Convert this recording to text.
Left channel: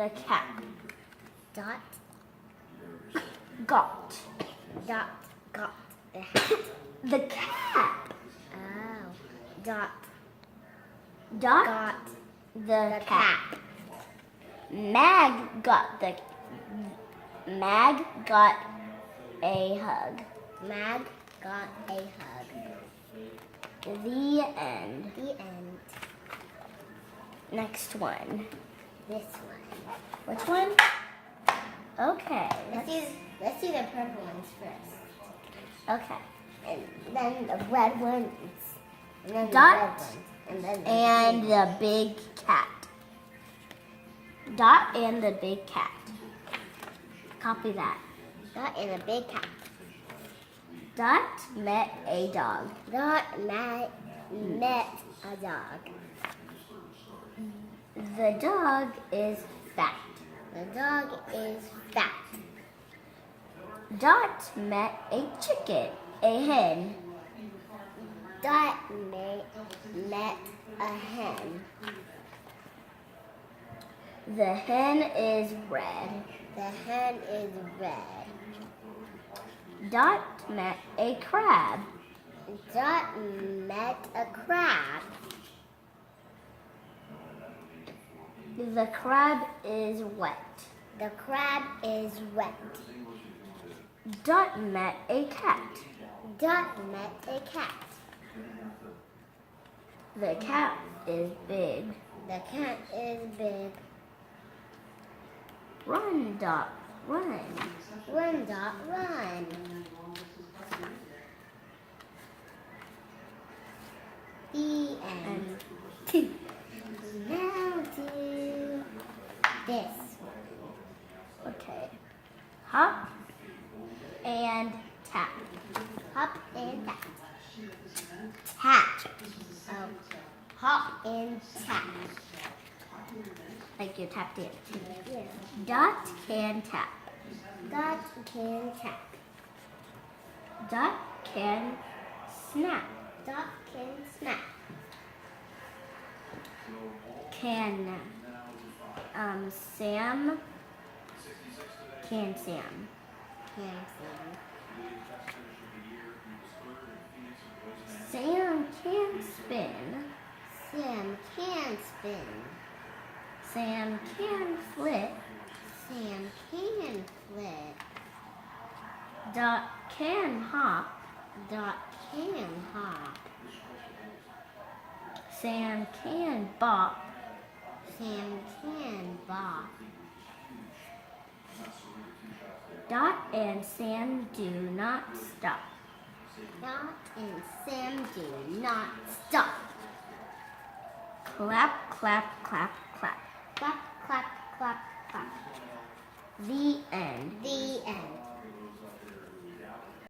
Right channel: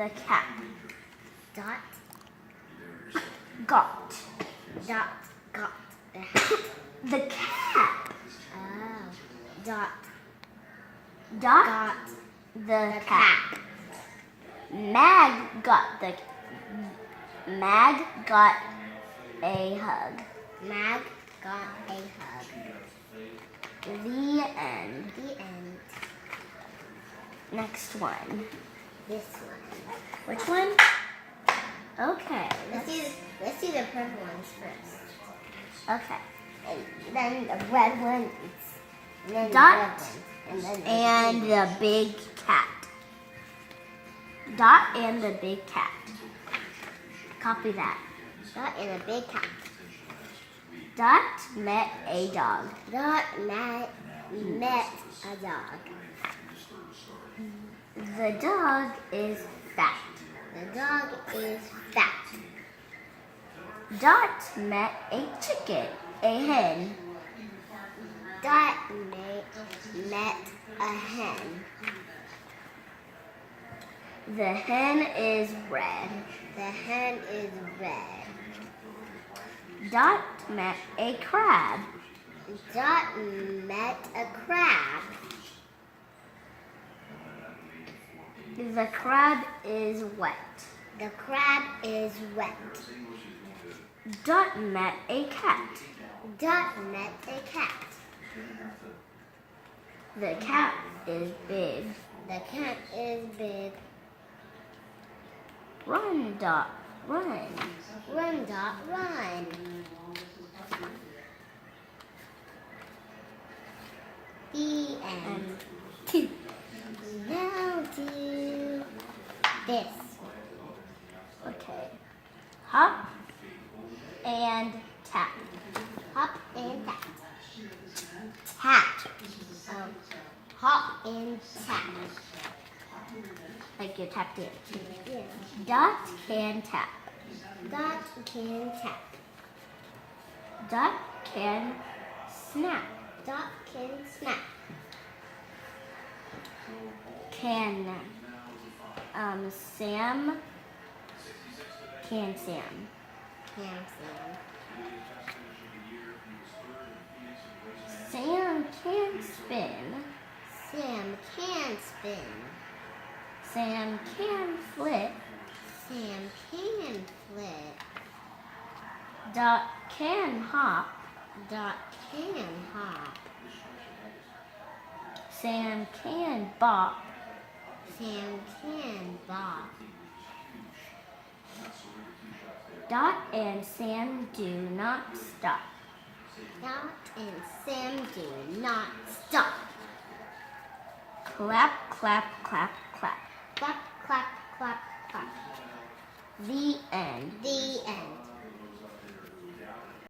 the cat. Dot Got got the hat. the cat. Oh. Dot Dot got the the cat. Mag got a hug. Mag got a hug. The end. The end. Next one. This one. Which one? Okay. Let's do the purple ones first. Okay. And then the red ones. And then Dot the red ones. And then And the big cat. Dot and the big cat. Copy that. Dot and a big cat. Dot met a dog. Dot met a dog. The dog is fat. The dog is fat. Dot met a chicken, a hen. Dot met a hen. The hen is red. The hen is red. Dot met a crab. Dot met a crab. The crab is wet. The crab is wet. Dot met a cat. Dot met a cat. The cat is big. The cat is big. Run, Dot, run. Run, Dot, run. The end. Now do this. Okay. Hop and tap. Hop and tap. Tap. Hop and tap. Like you're tapped in. Yeah. Dot can tap. Dot can tap. Dot can snap. Dot can snap. Can Sam can Sam. Can Sam. Sam can spin. Sam can spin. Sam can flip. Sam can flip. Dot can hop. Dot can hop. Sam can bop. Sam can bop. Dot and Sam do not stop. Dot and Sam do not stop. Clap, clap, clap, clap. Clap, clap, clap, clap. The end. The end.